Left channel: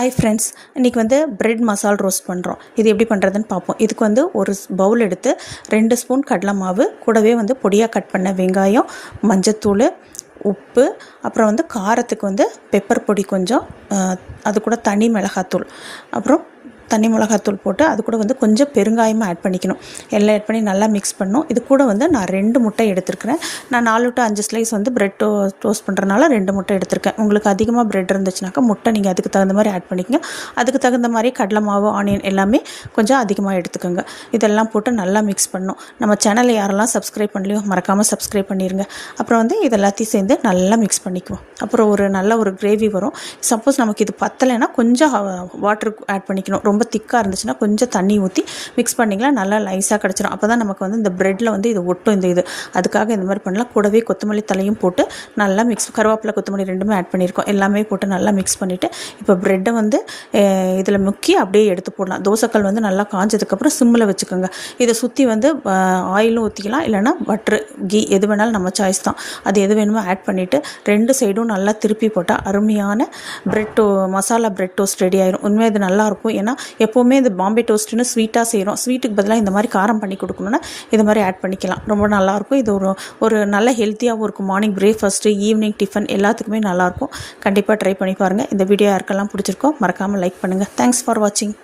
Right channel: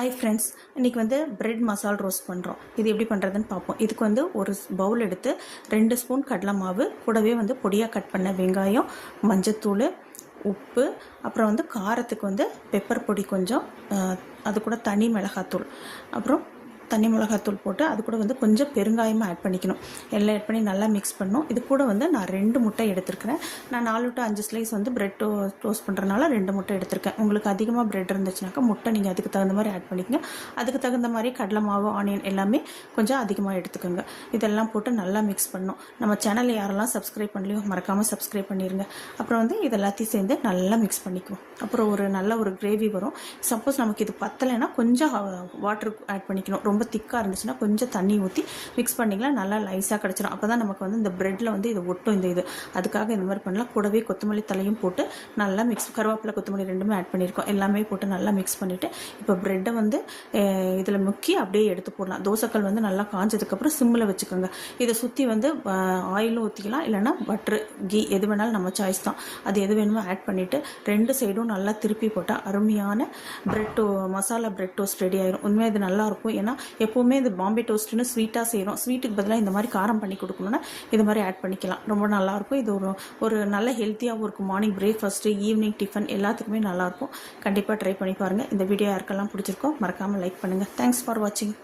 Hi friends, இன்றைக்கி bread மசால் roast பண்ணுறோம். இது எப்படி பண்ணுறதுன்னு பார்ப்போம். இதுக்கு ஒரு பவுல் எடுத்து 2 ஸ்பூன் கடலை மாவு, கூடவே பொடியாக கட் பண்ண வெங்காயம், மஞ்சத்தூள், உப்பு, அப்புறம் காரத்துக்கு பெப்பர் பொடி கொஞ்சம், அது கூட தனி மிளகாத்தூள், அப்புறம் தனி மிளகாத்தூள் போட்டு அது கூட கொஞ்சம் பெருங்காயமாக ஆட் பண்ணிக்கணும். எல்லாம் ஆட் பண்ணி நல்லா மிக்ஸ் பண்ணணும். இது கூட நான் 2 முட்டை எடுத்துருக்கிறேன். நான் 4 to 5 ஸ்லைஸ் பிரெட் டோஸ்ட் பண்ணுறதுனால 2 முட்டை எடுத்திருக்கேன். உங்களுக்கு அதிகமாக பிரெட் இருந்துச்சுனாக்கா முட்டை நீங்கள் அதுக்கு தகுந்த மாதிரி ஆட் பண்ணிக்கங்க. அதுக்கு தகுந்த மாதிரி கடலை மாவு, ஆனியன் எல்லாமே கொஞ்சம் அதிகமாக எடுத்துக்கோங்க. இதெல்லாம் போட்டு நல்லா மிக்ஸ் பண்ணணும். நம்ம சேனலை யாரெல்லாம் சப்ஸ்கிரைப் பண்ணலையோ மறக்காமல் சப்ஸ்கிரைப் பண்ணிடுங்க. அப்புறம் இது எல்லாத்தையும் சேர்ந்து நல்லா மிக்ஸ் பண்ணிக்குவோம். அப்புறம் நல்ல ஒரு கிரேவி வரும். சப்போஸ் நமக்கு இது பத்தலைன்னா கொஞ்சம் வாட்டர் ஆட் பண்ணிக்கணும். ரொம்ப திக்காக இருந்துச்சுன்னா கொஞ்சம் தண்ணி ஊற்றி மிக்ஸ் பண்ணிக்கலாம். நல்லா லைஸாக கிடச்சிடும். அப்போ தான் நமக்கு இது பிரெட்டில் இது ஒட்டும். இது அதுக்காக இந்த மாதிரி பண்ணலாம். கூடவே கொத்தமல்லி தலையும் போட்டு நல்லா மிக்ஸ், கருவேப்பிலை கொத்தமல்லி ரெண்டுமே ஆட் பண்ணியிருக்கோம். எல்லாமே போட்டு நல்லா மிக்ஸ் பண்ணிவிட்டு இப்போ பிரெட்டை இதில் முக்கி அப்படியே எடுத்து போடலாம். தோசைக்கல் நல்லா காஞ்சதுக்கப்புறம் சிம்மில் வச்சுக்கோங்க. இதை சுற்றி ஆயிலும் ஊற்றிக்கலாம், இல்லைனா பட்ரு, கீ எது வேணாலும் நம்ம சாய்ஸ் தான். அது எது வேணுமோ ஆட் பண்ணிவிட்டு 2 சைடும் நல்லா திருப்பி போட்டால் அருமையான மசாலா பிரெட் டோஸ்ட் ரெடி ஆயிரும். உண்மையாக இது நல்லாயிருக்கும். ஏன்னா எப்போவுமே இந்த பாம்பே டோஸ்ட்டுன்னு ஸ்வீட்டாக செய்கிறோம். ஸ்வீட்டுக்கு பதிலாக இந்த மாதிரி காரம் பண்ணி கொடுக்கணுன்னா இது மாதிரி ஆட் பண்ணிக்கலாம். ரொம்ப நல்லாயிருக்கும். இது ஒரு நல்ல ஹெல்த்தியாகவும் இருக்கும். மார்னிங் பிரேக்ஃபாஸ்ட்டு, ஈவினிங் டிஃபன் எல்லாத்துக்குமே நல்லாயிருக்கும். கண்டிப்பாக ட்ரை பண்ணி பாருங்கள். இந்த வீடியோ யாருக்கெல்லாம் பிடிச்சிருக்கோ மறக்காமல் லைக் பண்ணுங்கள். தேங்க்ஸ் ஃபார் வாட்சிங்.